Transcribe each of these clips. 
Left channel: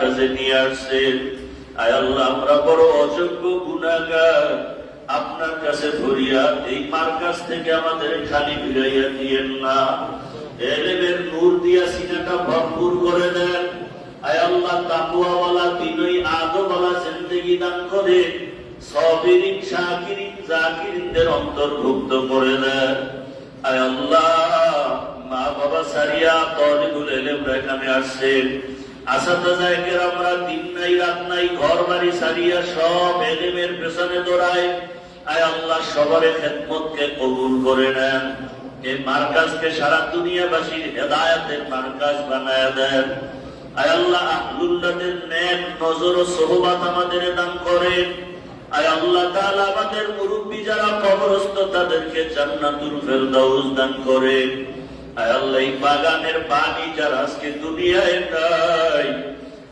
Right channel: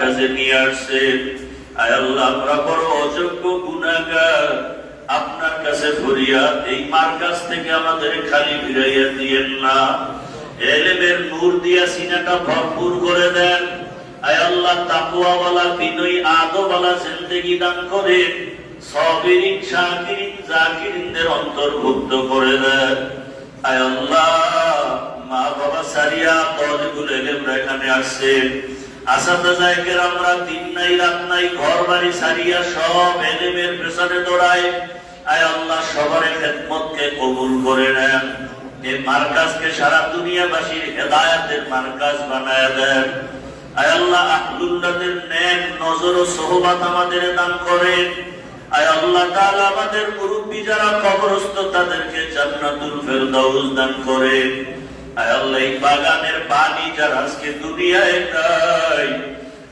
কাছে নিয়ে আসছেন। আয় আল্লাহ, আমরা বড় অযোগ্য গুনাহগার, আপনার কাছে ফরিয়াদ, এই মার্কাজ থেকে আমাদের খালি ফিরাইয়া দিয়েন না। এলেমের নূর দিয়া সিনাটা ভরপুর করে দেন। আয় আল্লাহ, তাকওয়াওয়ালা বিনয়ী আদবওয়ালা জিন্দেগি দান করেন। সাবিরিন শাকিরিন জাকিরিনদের অন্তর্ভুক্ত করে দেন। আয় আল্লাহ, মা বাবা সারিয়া তালিবুল ইলম এখানে আসছেন। আসাদায়ে কেরামরা দিন নাই রাত নাই ঘর বাড়ি সারিয়া সব ইলমের পেছনে দৌড়ায়। আয় আল্লাহ, সবার খেদমতকে কবুল করে নেন। এই মার্কাজকে সারা দুনিয়াবাসীর হেদায়েতের মার্কাজ বানায়া দেন। আয় আল্লাহ, আহলুল্লাহদের নেক নজর ও সোহবত আমাদের দান করেন। আয় আল্লাহ তাআলা, আমাদের মুরব্বি যারা কবরস্থ তাদেরকে জান্নাতুল ফেরদাউস দান করেন। আয় আল্লাহ, এই বাগানের পানি যারা আজকে দুনিয়ায় নাই,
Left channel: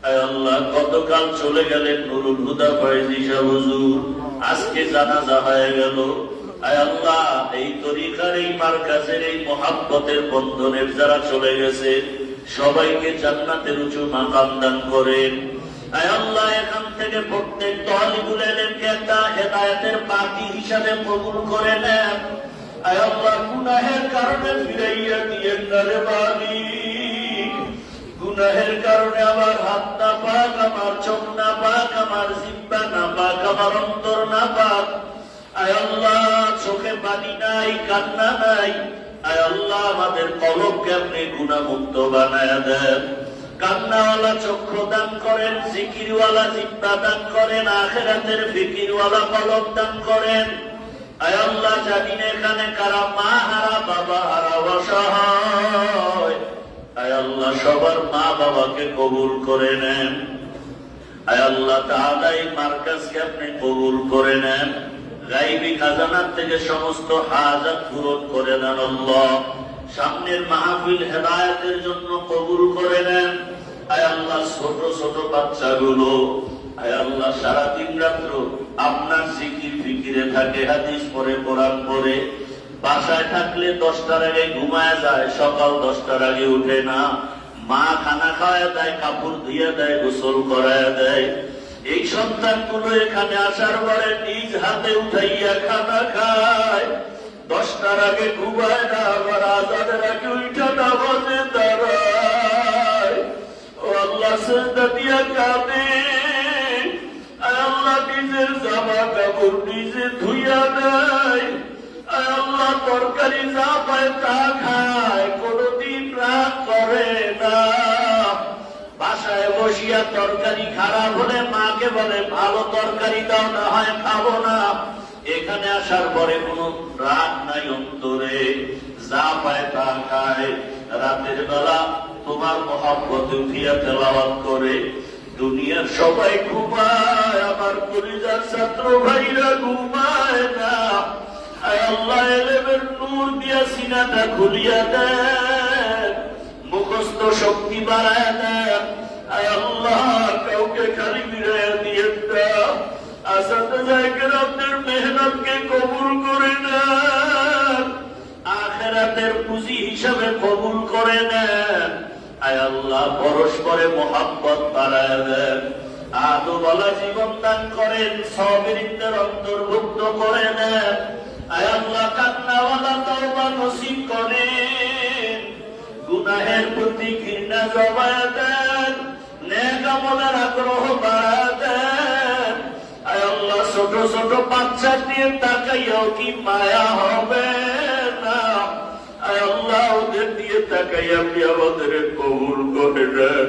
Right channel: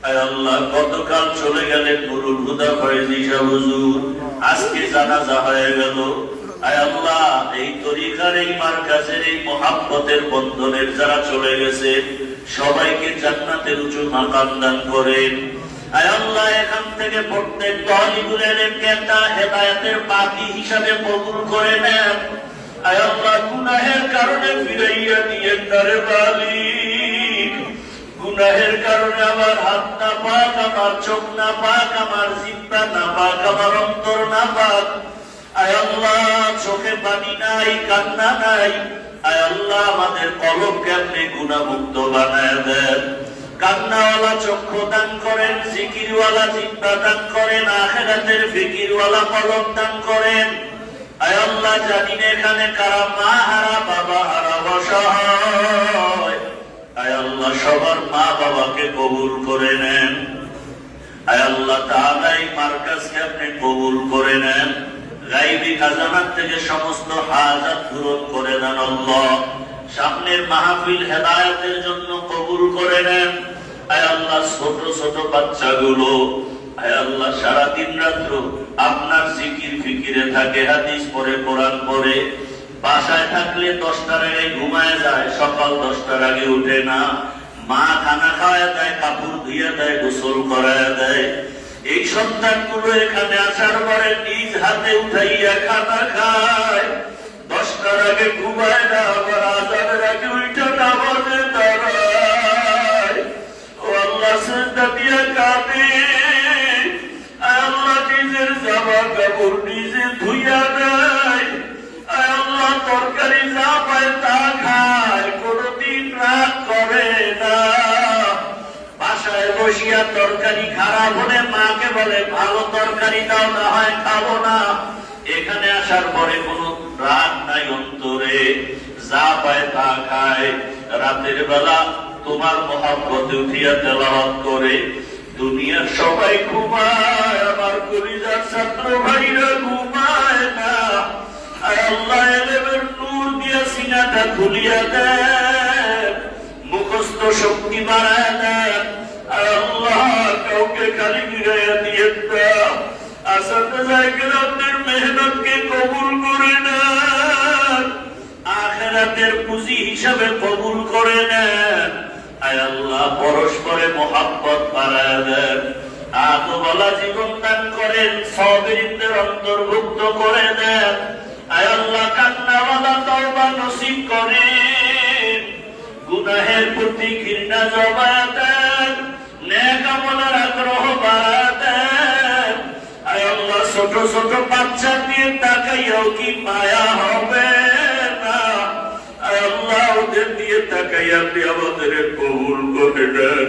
আয় আল্লাহ, গতকাল চলে গেলেন নুরুল হুদা ফয়েজী সাহেব হুজুর, আজকে জানাজা হয়ে গেল। আয় আল্লাহ, এই তরিকার এই মার্কাজের এই মুহাব্বতের বন্ধনের যারা চলে গেছে সবাইকে জান্নাতের উঁচু মাকাম দান করেন। আয় আল্লাহ, এখান থেকে প্রত্যেক তালিবুল ইলমকে একটা হেদায়েতের পাখি হিসাবে কবুল করে নেন। আয় আল্লাহ, গুনাহের কারণে ফিরাইয়া দিয়েন না রে মালিক। গুনাহের কারণে আমার হাত না পাক, আমার চোখ না পাক, আমার জিহ্বা না পাক, আমার অন্তর না পাক। আয় আল্লাহ, চোখে পানি নাই, কান্না নাই। আয় আল্লাহ, আমাদের কলবকে আপনি গুনাহমুক্ত বানায় দেন। কান্নাওয়ালা চক্ষু দান করেন, জিকিরওয়ালা জিহ্বা দান করেন, আখিরাতের ফিকিরওয়ালা কলব দান করেন। আয় আল্লাহ, জানি না এখানে কারা মা হারা, বাবা হারা, অসহায়। আয় আল্লাহ, সবার মা বাবাকে কবুল করে নেন। আয় আল্লাহ তাআলা, এই মার্কাজকে আপনি কবুল করে নেন। গায়বী খাজানার থেকে সমস্ত হাজাত পূরণ করে দেন আল্লাহ। সামনের মাহফিল হেদায়েতের জন্য কবুল করে নেন। আয় আল্লাহ, ছোট ছোট বাচ্চাগুলো আয় আল্লাহ সারা দিন রাত্র আপনার জিকির ফিকিরে থাকে, হাদিস পড়ে, কোরআন পড়ে, বাসায় থাকলে 10টার আগে ঘুমায় যায়, সকাল 10টার আগে উঠে না। মা খানা খাওয়ায় দেয়, কাপড় ধুয়ে দেয়, গোসল করায় দেয়। এই সন্তানগুলো এখানে আসার পরে নিজ হাতে উঠাইয়া খানা খায়, 10টার আগে ঘুমায় না, আবার আজানের আগে উঠে না বলে দাঁড়ায়। ও আল্লাহ, সেজদা দিয়ে কাঁদে। আল্লাহ, নিজের জামা কাপড় নিজে ধুইয়া দেয়। আল্লাহ, তরকারি যা পায় তা খায়, কোনদিন রাগ করে না। বাসায় বসিয়া তরকারি খারাপ হলে মাকে বলে ভালো তরকারি দাও, না হয় খাবো না। এখানে আসার পরে কোন রাগ নাই অন্তরে, যা পায় তা খায়। রাতের বেলা তোমার মহব্বতে উঠিয়া তেলাওয়াত করে। দুনিয়ার সবাই ঘুমায়, আমার কলিজার ছাত্র ভাইরা ঘুমায় না। আল্লাহ, ইলমের নূর দিয়া সিনাটা খুলিয়া দেন, মুখস্থ শক্তি বাড়ায় দেন। আল্লাহ, কাউকে খালি ফিরাইয়া দিয়েন না। আসাদায়ে কেরামদের মেহনতকে কবুল করে নেন, আখিরাতের পুঁজি হিসাবে কবুল করে নেন। আয় আল্লাহ, পরস্পরে মুহাব্বত বাড়ায় দেন, আদবওয়ালা জীবন দান করেন, সাবিরিনদের অন্তর্ভুক্ত করে দেন। আয় আল্লাহ, কান্নাওয়ালা তওবা নসিব করেন, গুনাহের প্রতি ঘৃণা জমায়া দেন, নেক আমলের আগ্রহ বাড়ায় দেন। আয় আল্লাহ, ছোট ছোট বাচ্চা দিয়ে তাকাইয়াও কি মায়া হবে না? আয় আল্লাহ, ওদের দিয়ে তাকাইয়া আপনি আমাদের কবুল করে দেন।